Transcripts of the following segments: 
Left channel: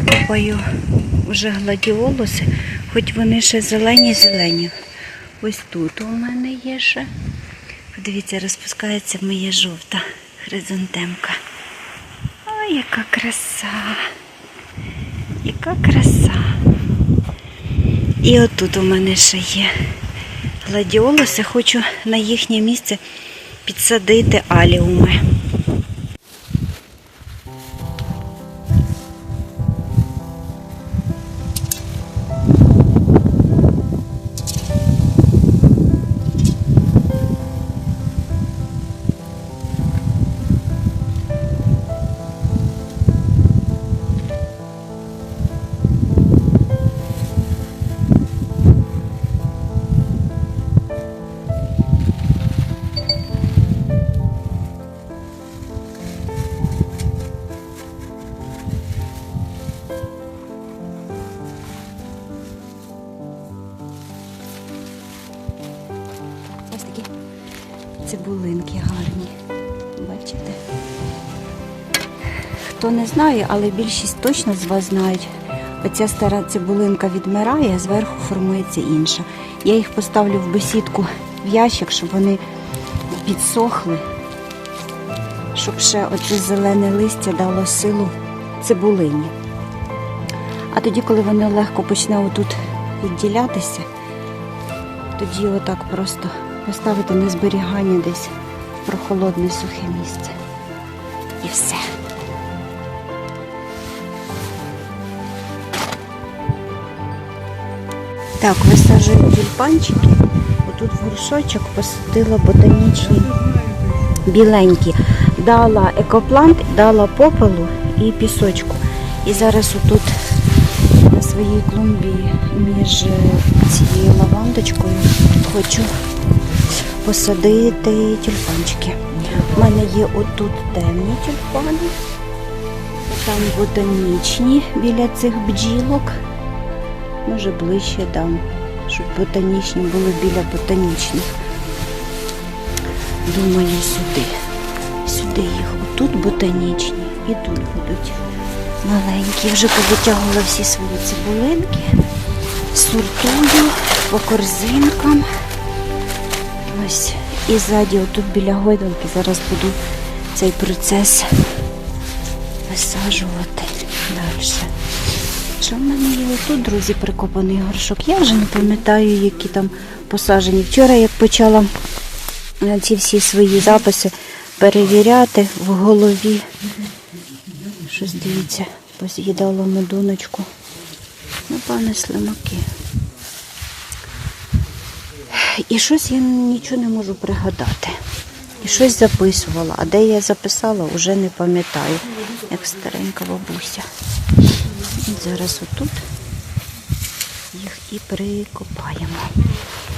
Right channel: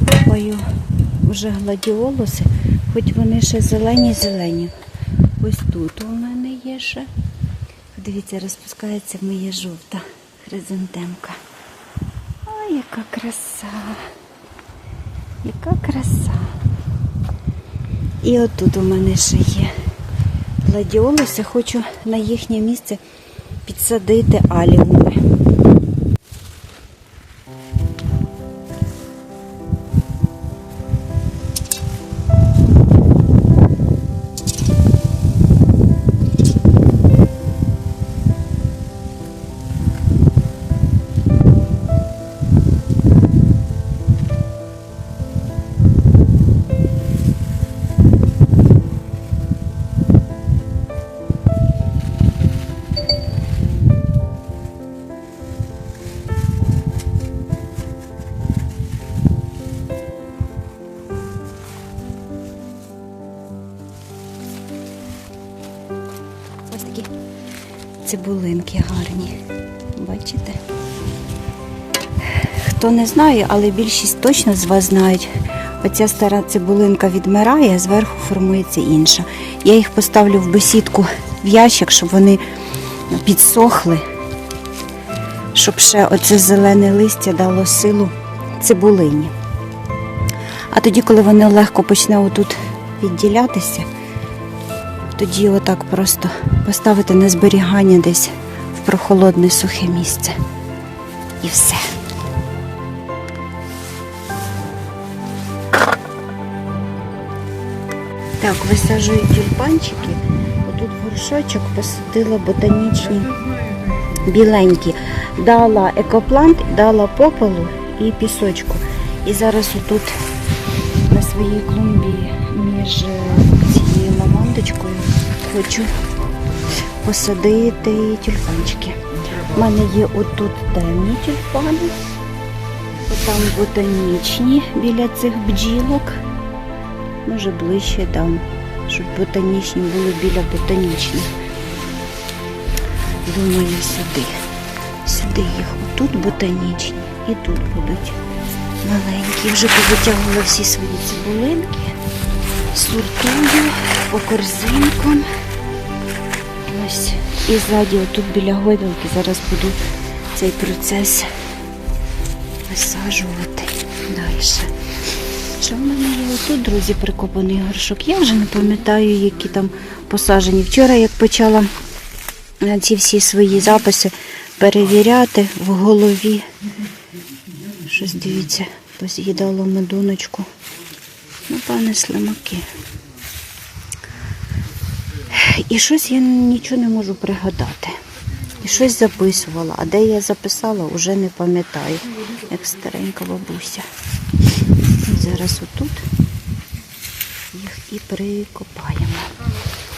викопаю вже гладіолуси, хоч вони ще зелені-зелені. Ось тут у мене є ще. Подивіться, розпускається моя жовта хризантемка. Ой, яка краса! Яка краса! І отут у мене ще є гладіолуси. Хочу на їхнє місце підсадити аліуми. Цибулинки гарні. Бачите? Хто не знає, але більшість точно з вас знають. Оця стара цибулинка відмирає, а зверху формується інша. Я їх поставлю в бесідку в ящик, щоб вони підсохли, щоб ще оце зелене листя дало силу цибулині. А тоді, коли воно легко почне отут відділятися, тоді отак просто поставити на зберігання десь в прохолодне сухе місце. І все. Так, висаджую тюльпанчики. Отут в горшочок посадила ботанічні біленькі. Дала екоплант, дала попелу і пісочку. І зараз отут своїй клумбі між е, цією лавандочкою хочу посадити тюльпанчики. У мене є отут темні тюльпани, там ботанічні біля цих бджілок. Може ближче дам, щоб ботанічні були біля ботанічних. Думаю, сюди. Сюди їх. Отут ботанічні і тут будуть маленькі. Вже повитягувала всі свої цибулинки. Сортую по корзинкам. Ось. І ззаді, отут біля гойдалки, зараз буду цей процес висаджувати далі. Що в мене є отут, друзі, прикопаний горшок. Я вже не пам'ятаю, які там посаджені. Вчора, як почала е, ці всі свої записи перевіряти в голові. Щось дивіться, поз'їдало медуночку. Ну, пане слимаки. І щось я нічого не можу пригадати. І щось записувала, а де я записала, вже не пам'ятаю, як старенька бабуся. І зараз отут їх і прикопаємо.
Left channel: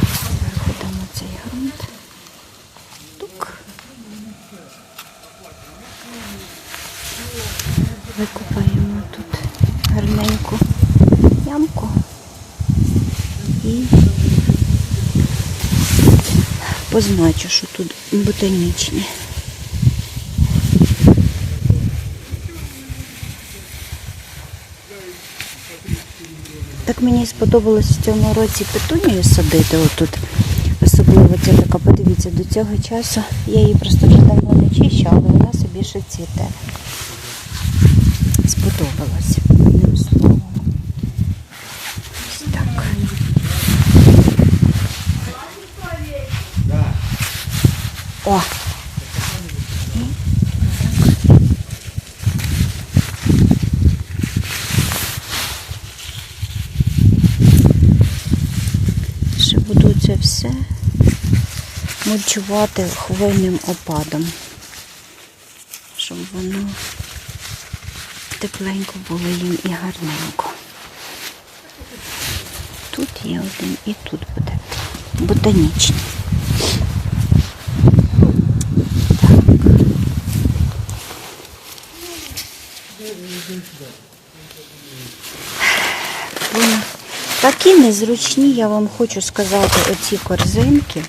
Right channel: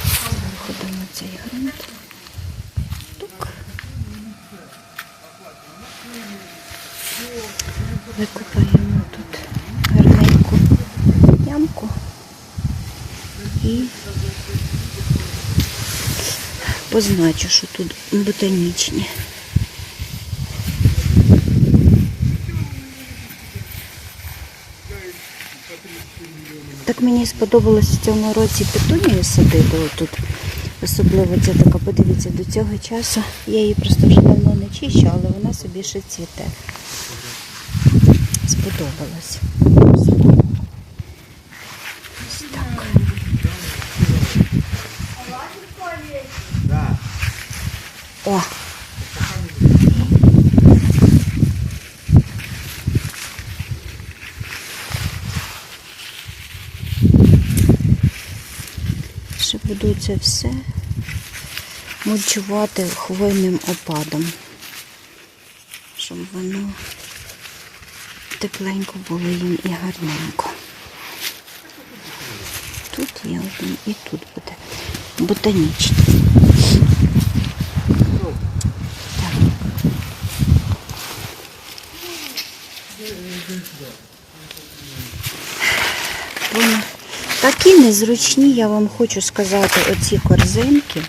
Зверху дамо цей ґрунт. Тук. Викопаємо тут гарненьку ямку і позначу, що тут ботанічні. Так мені сподобалось в цьому році петунію садити отут. Особливо ця така, подивіться, до цього часу я її просто вже давно не чищу, але вона собі ще цвіте. Сподобалось. Ось так. О! Ще буду це все мульчувати хвойним опадом, щоб воно тепленько було їм і гарненько. Тут є один і тут буде ботанічний. Такі незручні, я вам хочу сказати, оці корзинки.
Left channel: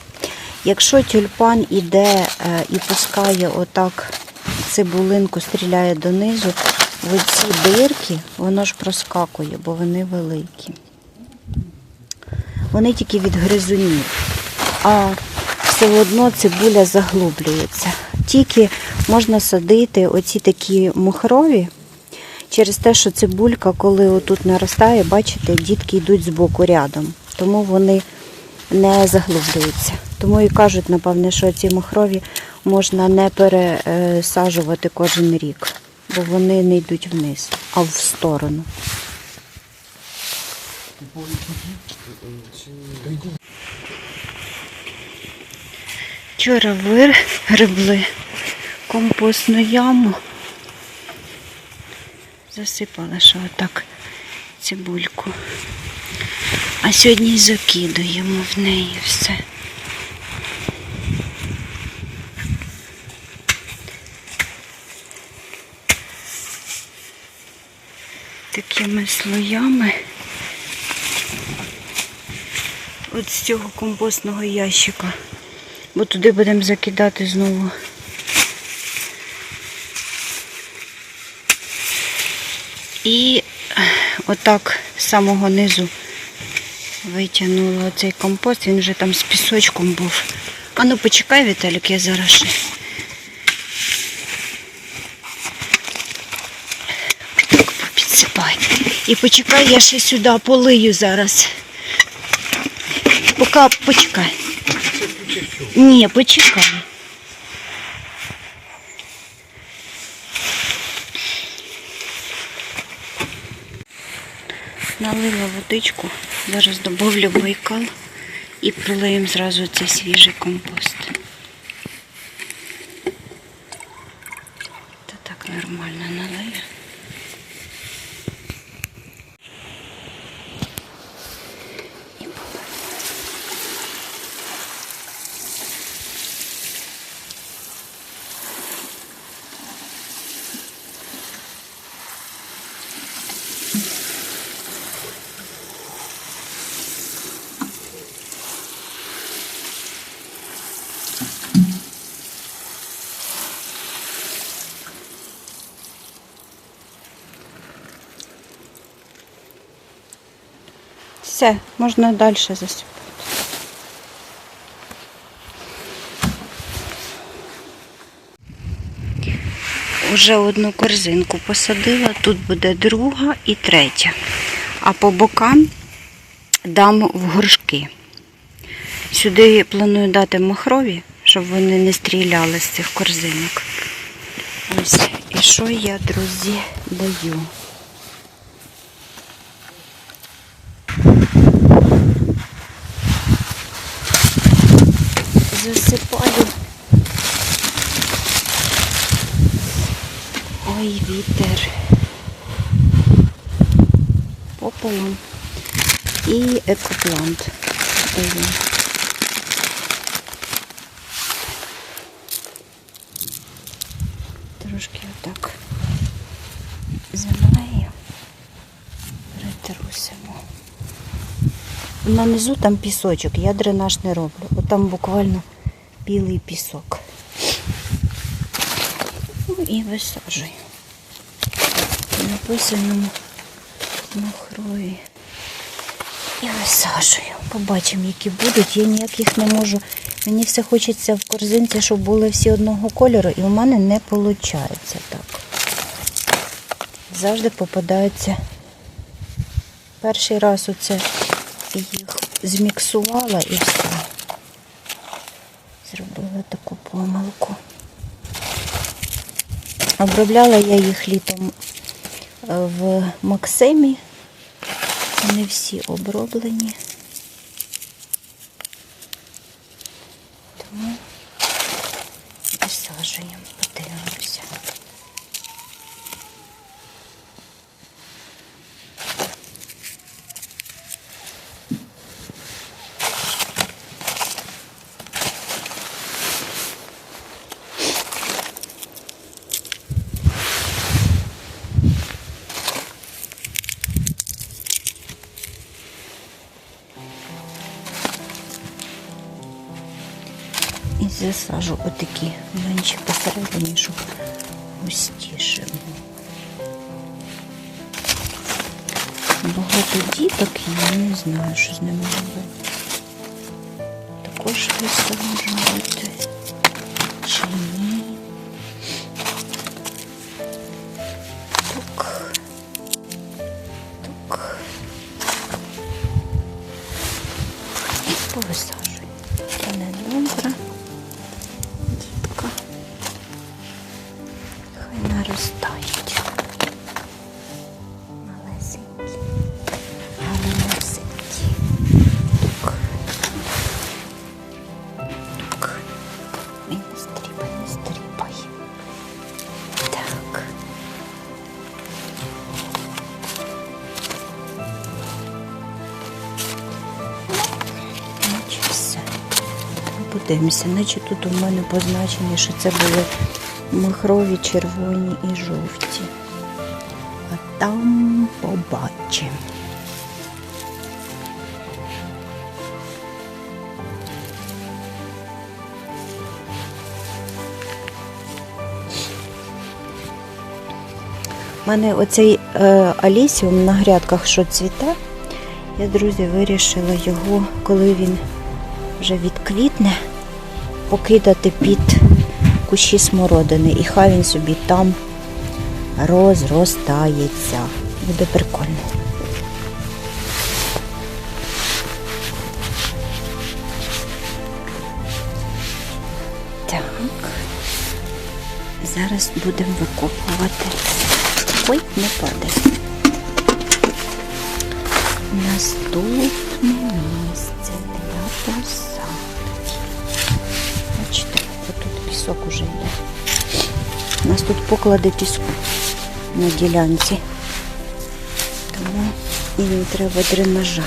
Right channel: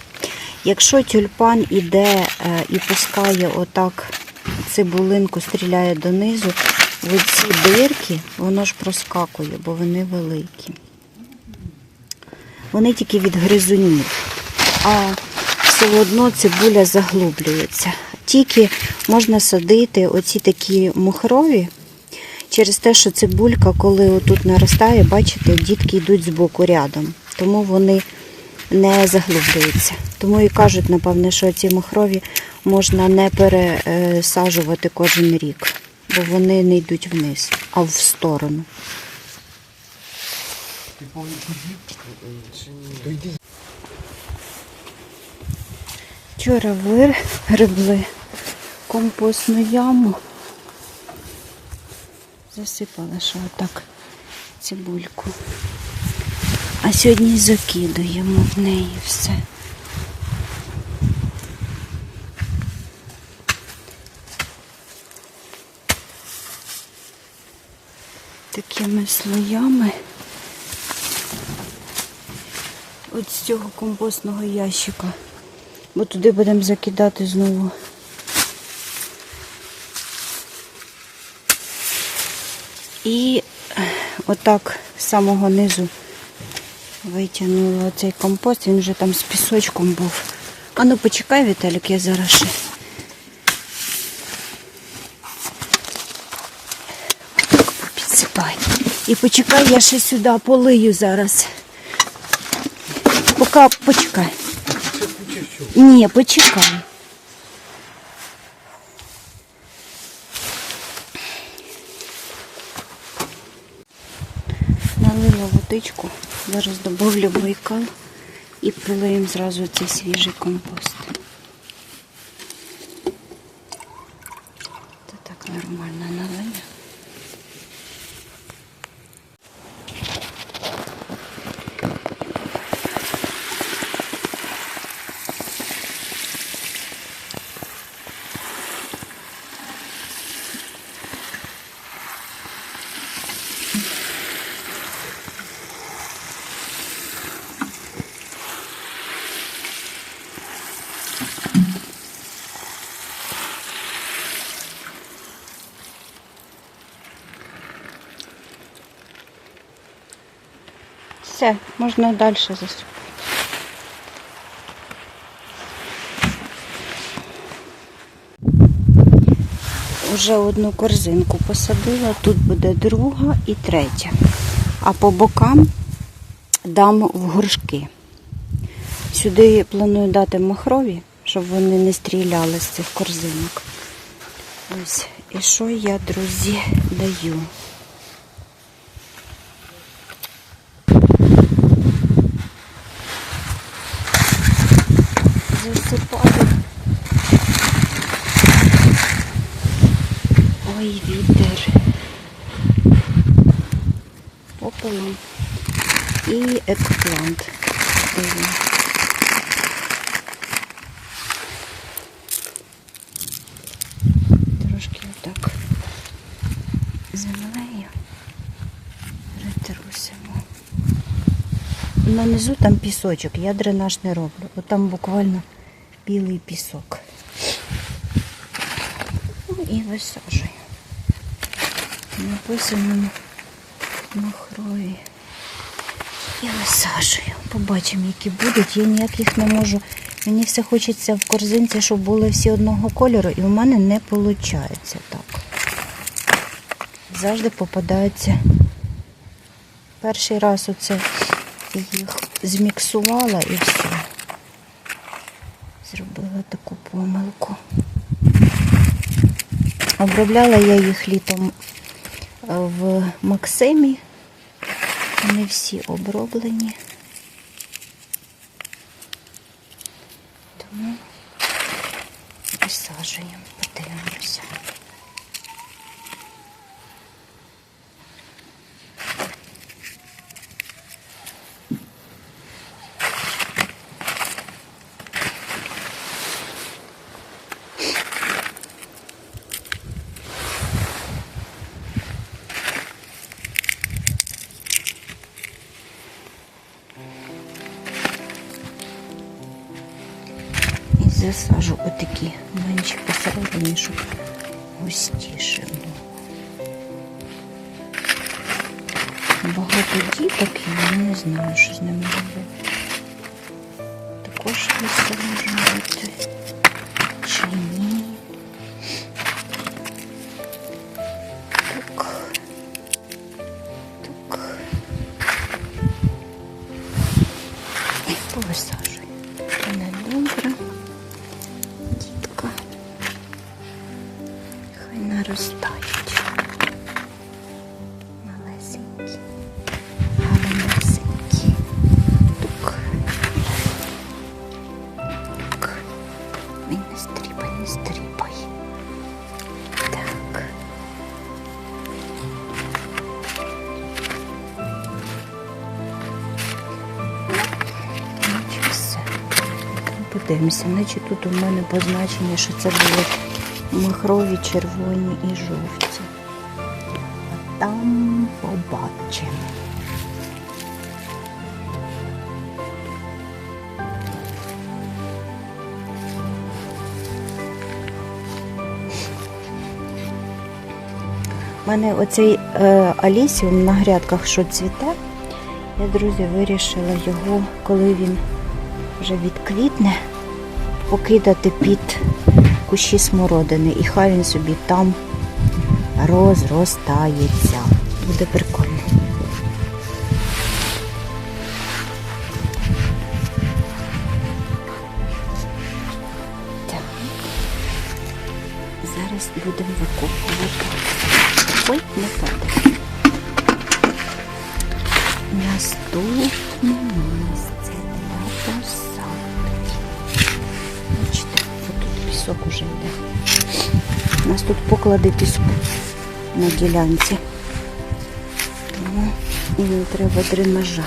Якщо тюльпан іде е, і пускає отак цибулинку, стріляє донизу, в оці дирки воно ж проскакує, бо вони великі. Вони тільки від гризунів, а все одно цибуля заглублюється. Тільки можна садити оці такі мухрові, через те, що цибулька, коли отут наростає, бачите, дітки йдуть збоку рядом, тому вони не заглублюються. Тому і кажуть, напевне, що ці махрові можна не пересаджувати кожен рік, бо вони не йдуть вниз, а в сторону. Вчора вигребли компостну яму. Засипали, що отак цибульку. А сьогодні закидуємо в неї все. Такими слоями. От з цього компостного ящика. Бо туди будемо закидати знову. І отак з самого низу витягнула цей компост, він вже там з пісочком був. А почекай, Віталік, я зараз ще. Так попідсипай. І почекай, я ще сюди полию зараз. Поки почекай. Ні, почекай. Налила водичку, зараз добавлю байкал і пролиємо зразу цей свіжий компост. Та так нормально налию. Все, можна далі засипати. Уже одну корзинку посадила, тут буде друга і третя. А по бокам дам в горшки. Сюди планую дати махрові, щоб вони не стріляли з цих корзинок. Ось, і що я, друзі, даю? Засипаю. Ой, вітер. Пополам. І екоплант даю. Трошки отак землею притрусимо. На низу там пісочок, я дренаж не роблю. От там буквально білий пісок. Ну і висаджую. Написано махрові. І висаджую. Побачимо, які будуть. Я ніяк їх не можу. Мені все хочеться в корзинці, щоб були всі одного кольору, і у мене не виходить так. Завжди попадаються. Перший раз оце їх зміксувала і все. Зробила таку помилку. Обробляла я їх літом е, в Максимі. Вони всі оброблені. Засажу отакі менші посередині, щоб густіше було. багато діток, я не знаю, що з ними робити. Також висаджувати чи ні. Так. Так. І повисаджую. Подивимося, наче тут у мене позначення, що це були махрові, червоні і жовті. А там побачимо. У мене оцей е, алісіум на грядках, що цвіте, я, друзі, вирішила його, коли він вже відквітне, покидати під кущі смородини. І хай він собі там розростається. Буде прикольно. Так. Зараз будемо викопувати. Ой, не падає. Наступне місце для посадки. Пісок уже йде. У нас тут поклади піску на ділянці. Тому і не треба дренажа.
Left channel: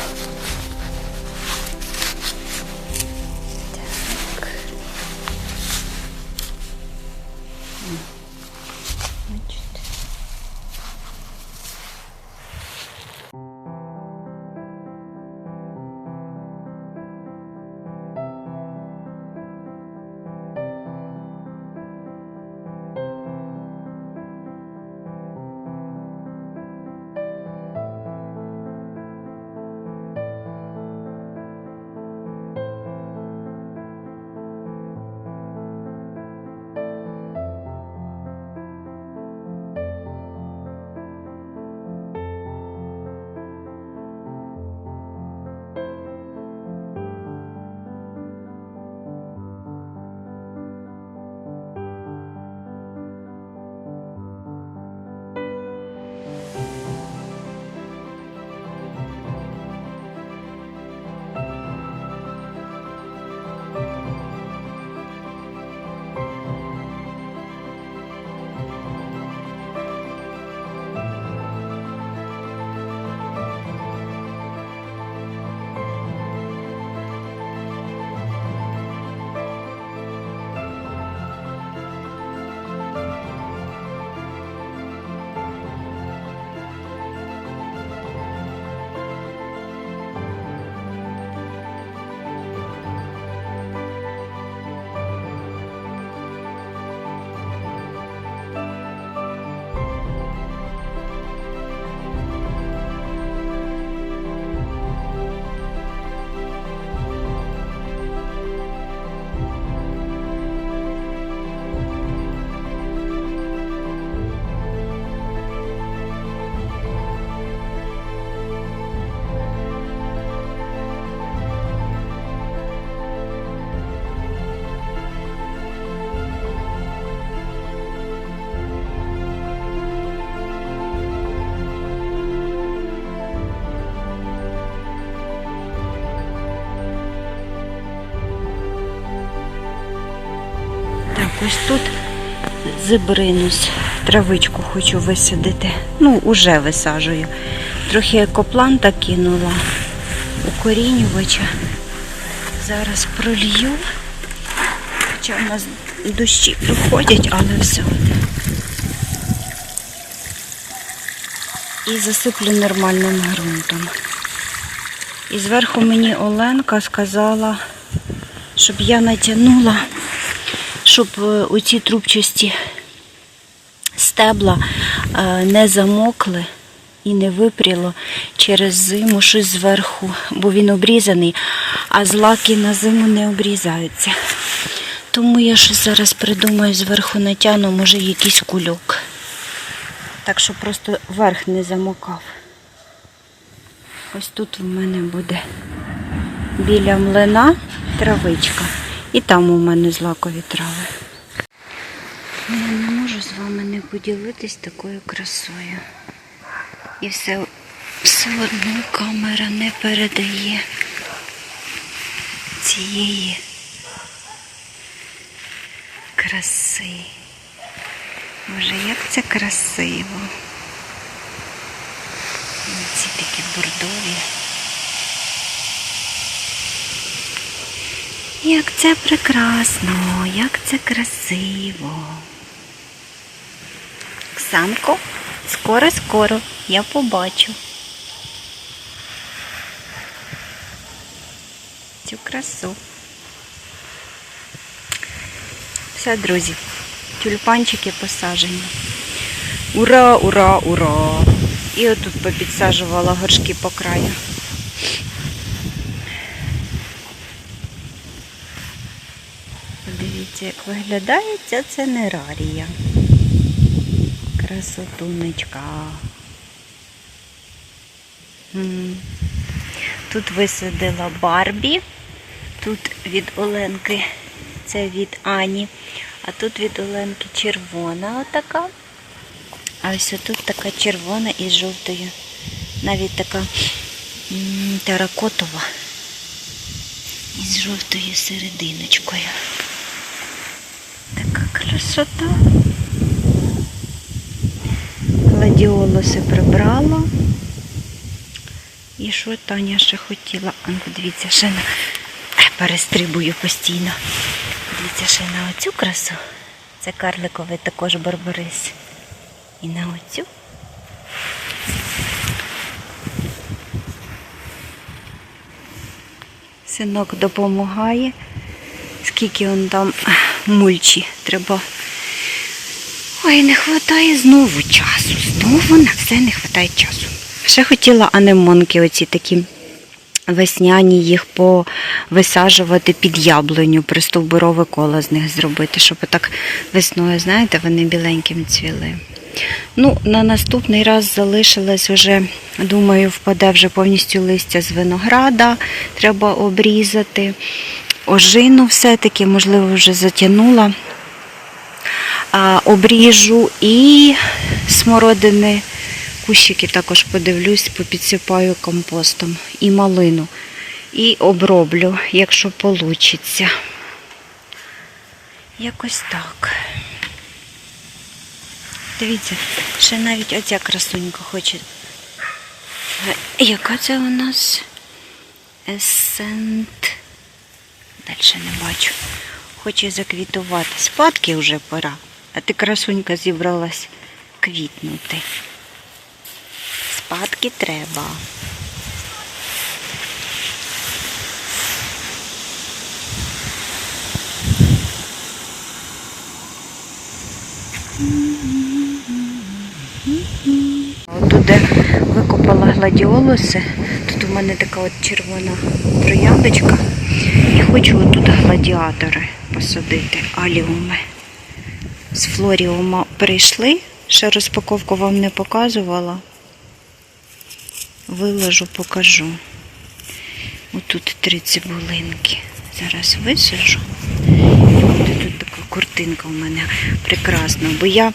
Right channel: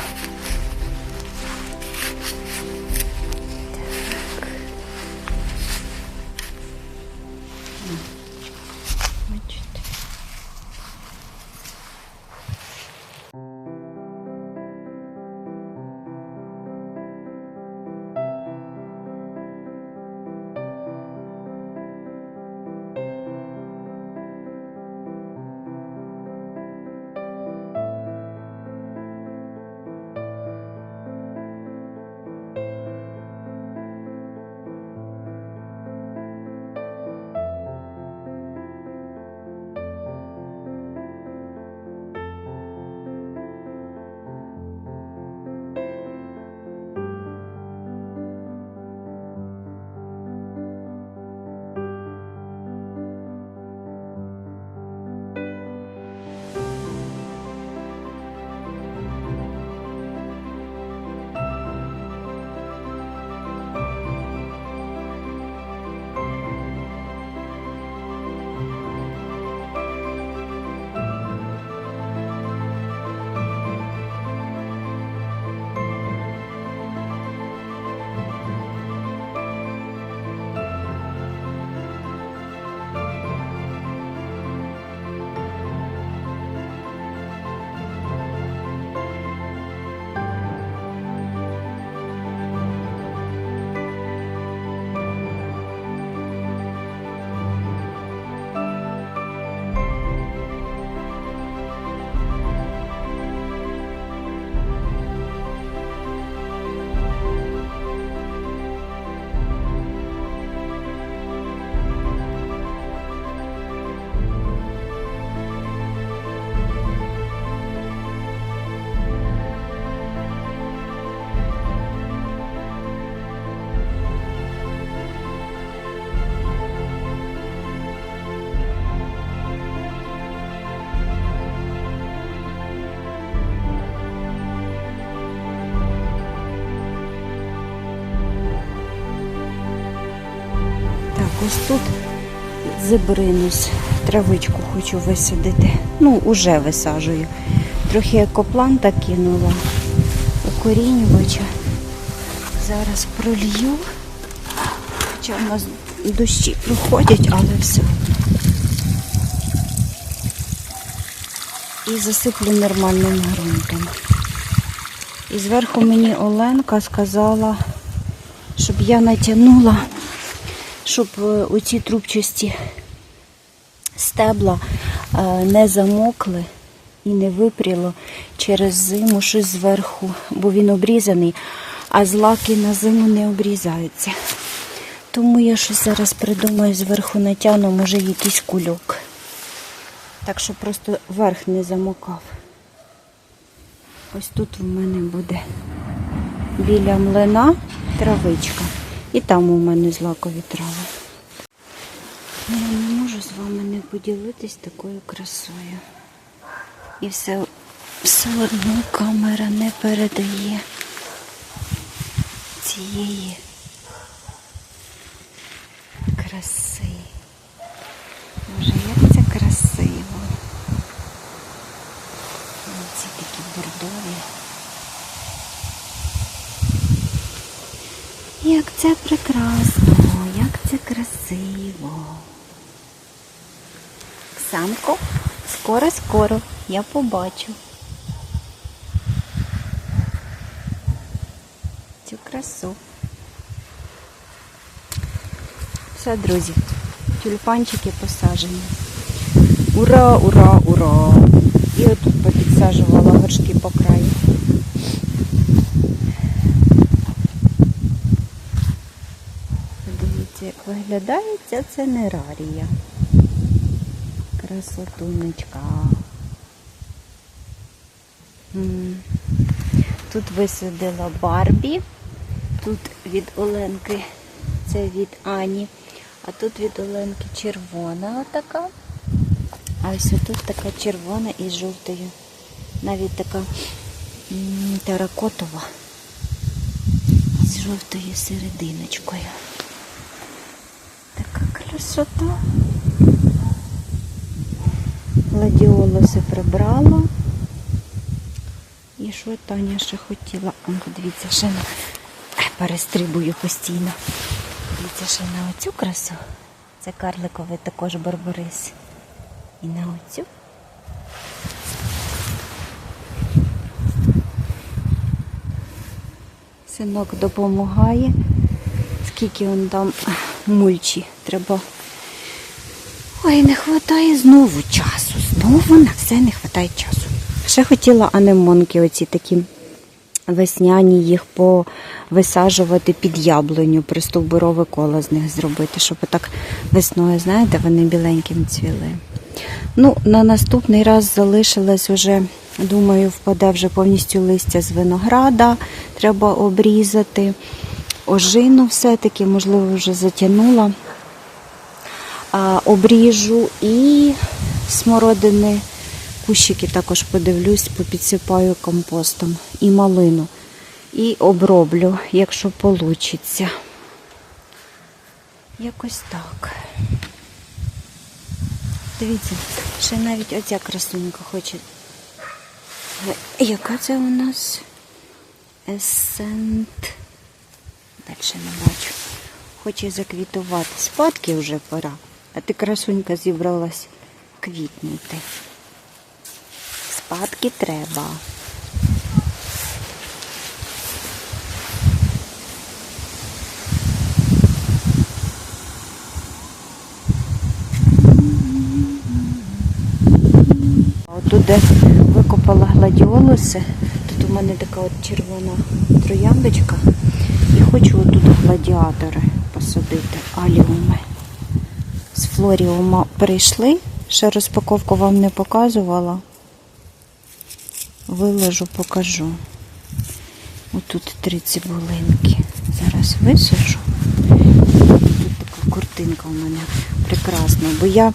Ось тут зибринусь, травичку хочу висадити. Ну, уже висаджую. Трохи екопланта кинула, укорінювача. Зараз пролью. Хоча в нас дощі проходять, але все. І засиплю нормальним ґрунтом. І зверху мені Оленка сказала, щоб я натягнула, щоб е, оці трубчасті стебла е, не замокли і не випріло через зиму щось зверху, бо він обрізаний, а злаки на зиму не обрізаються. Тому я щось зараз придумаю, зверху натягну, може якийсь кульок. Так що просто верх не замокав. Ось тут у мене буде біля млина травичка. І там у мене злакові трави. Ну, Я не можу з вами не поділитись такою красою. І все, все одно камера не передає цієї краси. Боже, як це красиво. Ці такі бордові. Як це прекрасно, як це красиво. Оксанко, скоро-скоро я побачу. Цю красу. Все, друзі, тюльпанчики посажені. Ура, ура, ура! І отут попідсаджувала горшки по краю. Подивіться, як виглядає ця ценерарія. Красотунечка. Тут висадила Барбі, тут від Оленки, це від Ані, а тут від Оленки червона отака. А ось тут така червона із жовтою. Навіть така теракотова. Із жовтою серединочкою. Така красота. Гладіолуси прибрала. І що Таня ще хотіла? А ну, подивіться, ще на Е, перестрибую постійно. Дивіться ще на оцю красу. Це карликовий також барбарис. І на оцю. Синок допомагає. Скільки он там мульчі треба. Ой, не вистачає знову часу. Знову на все не вистачає часу. Ще хотіла анемонки, оці такі весняні, їх повисаджувати під яблуню, пристовбурове коло з них зробити, щоб так весною, знаєте, вони біленьким цвіли. Ну, на наступний раз залишилось вже, думаю, впаде вже повністю листя з винограда, треба обрізати. Ожину все-таки, можливо, вже затягнула. Обріжу і смородини, кущики також подивлюсь, попідсипаю компостом і малину. І оброблю, якщо вийде. Якось так. Дивіться, ще навіть оця красунька хоче. Е, Яка це у нас? Есент. Далі не бачу. Хоче заквітувати. Спадки вже пора. А ти красунька зібралась квітнути. Спадки треба. Тут, де викопала гладіолуси, у мене така от червона трояндочка. І хочу отут гладіатори посадити, аліуми. З флоріума прийшли, ще розпаковку вам не показувала. Виложу, покажу. Отут три цибулинки. Зараз висажу. Буде тут така куртинка у мене прекрасна, бо я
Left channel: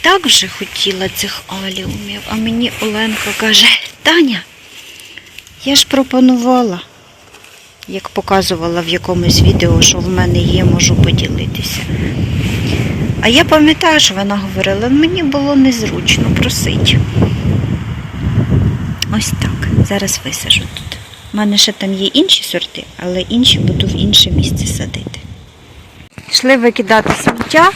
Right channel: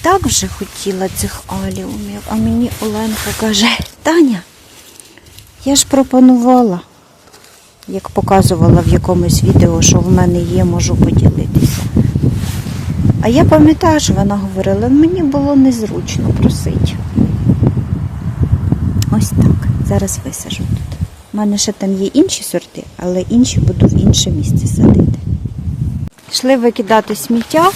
так вже хотіла цих аліумів, а мені Оленка каже, Таня, я ж пропонувала, як показувала в якомусь відео, що в мене є, можу поділитися. А я пам'ятаю, що вона говорила, мені було незручно просить. Ось так. Зараз висажу тут. У мене ще там є інші сорти, але інші буду в інше місце садити. Йшли викидати сміття.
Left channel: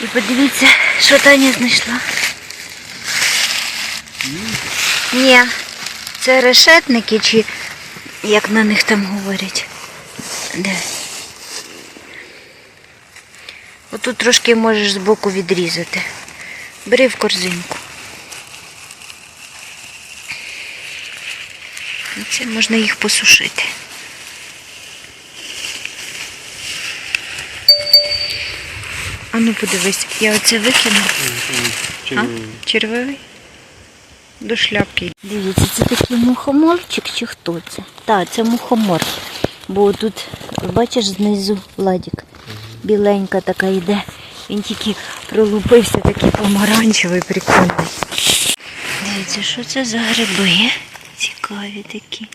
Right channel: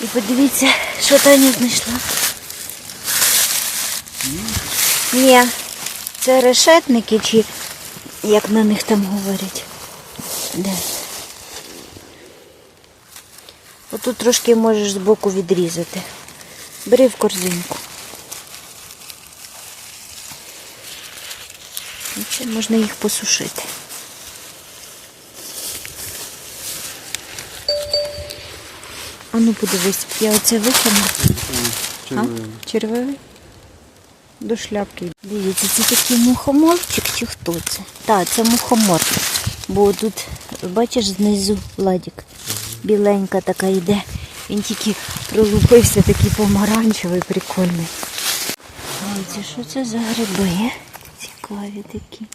І подивіться, що Таня знайшла. Ні, це решетники, чи як на них там говорять. Де? Отут трошки можеш збоку відрізати. Бери в корзинку. Ну, це можна їх посушити. А ну подивись, я оце викину. А? Червивий. До шляпки. Дивіться, це такий мухоморчик чи хто це? Так, це мухомор. Бо тут, бачиш, знизу ладік. Біленька така йде. Він тільки пролупився такий помаранчевий, прикольний. Дивіться, що це за гриби? Цікаві такі.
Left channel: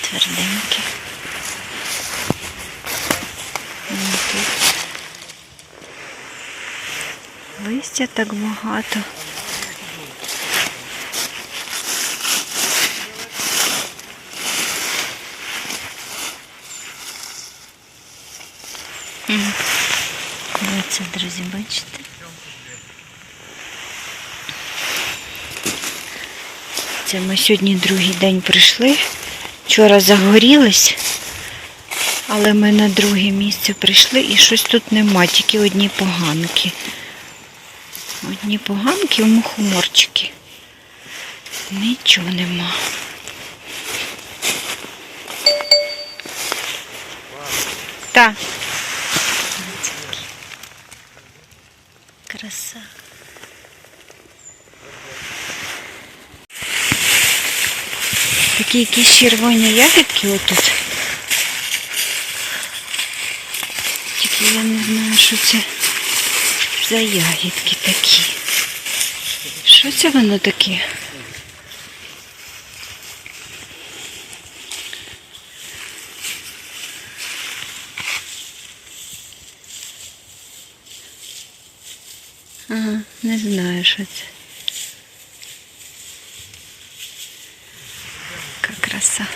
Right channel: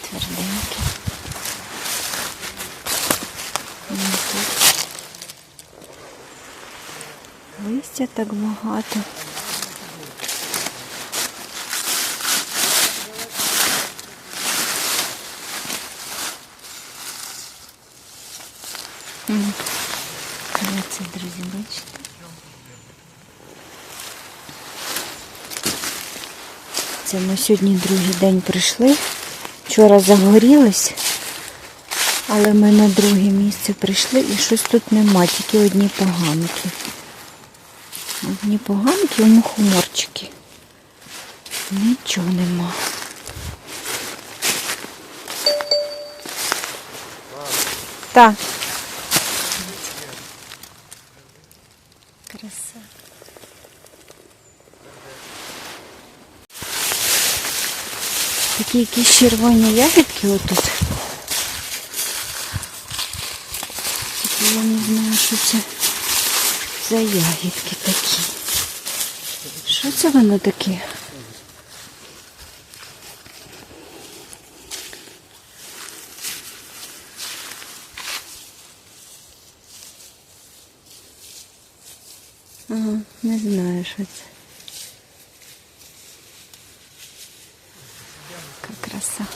Тверденькі. Ну, тут Листя так багато. Оце, друзі, бачите? Це ми сьогодні другий день прийшли. Вчора загорілись, але ми на друге місце прийшли і щось тут нема, тільки одні поганки. Одні поганки у мухоморчики. Нічого нема. Так. Краса. Такі якісь червоні ягідки отут. Тільки я не знаю, що це за ягідки такі. Що це воно таке? Ага, не знаю, що це. Яка краса.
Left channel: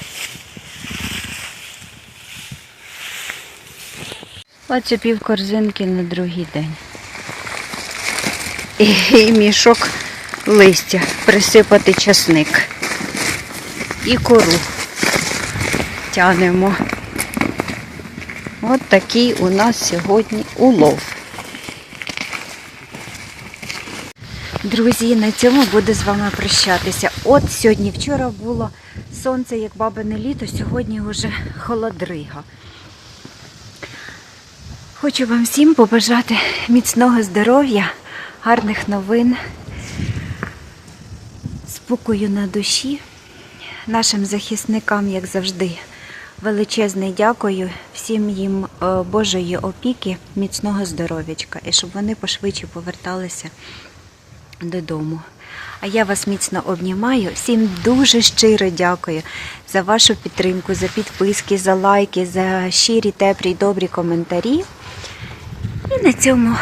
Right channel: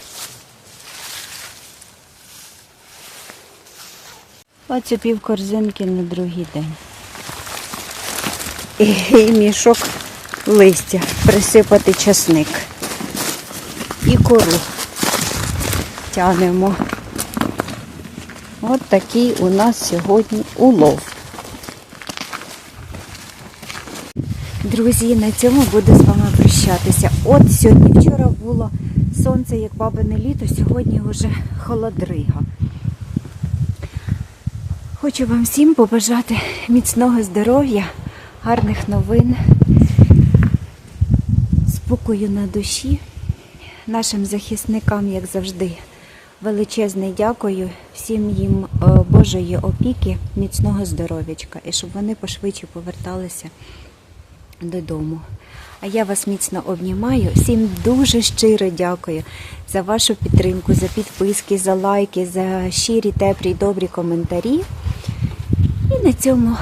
Оце пів корзинки на другий день. І, мішок листя присипати часник. І кору тянемо. От такий у нас сьогодні улов. Друзі, на цьому буду з вами прощатися. От сьогодні, вчора було сонце, як бабине літо, сьогодні вже холодрига. Хочу вам всім побажати міцного здоров'я, гарних новин, спокою на душі, нашим захисникам, як завжди, величезне дякую, всім їм е, Божої опіки, міцного здоров'ячка і щоб вони пошвидше поверталися додому. А я вас міцно обнімаю. Всім дуже щиро дякую за вашу підтримку, за підписки, за лайки, за щирі, теплі, добрі коментарі. І на цьому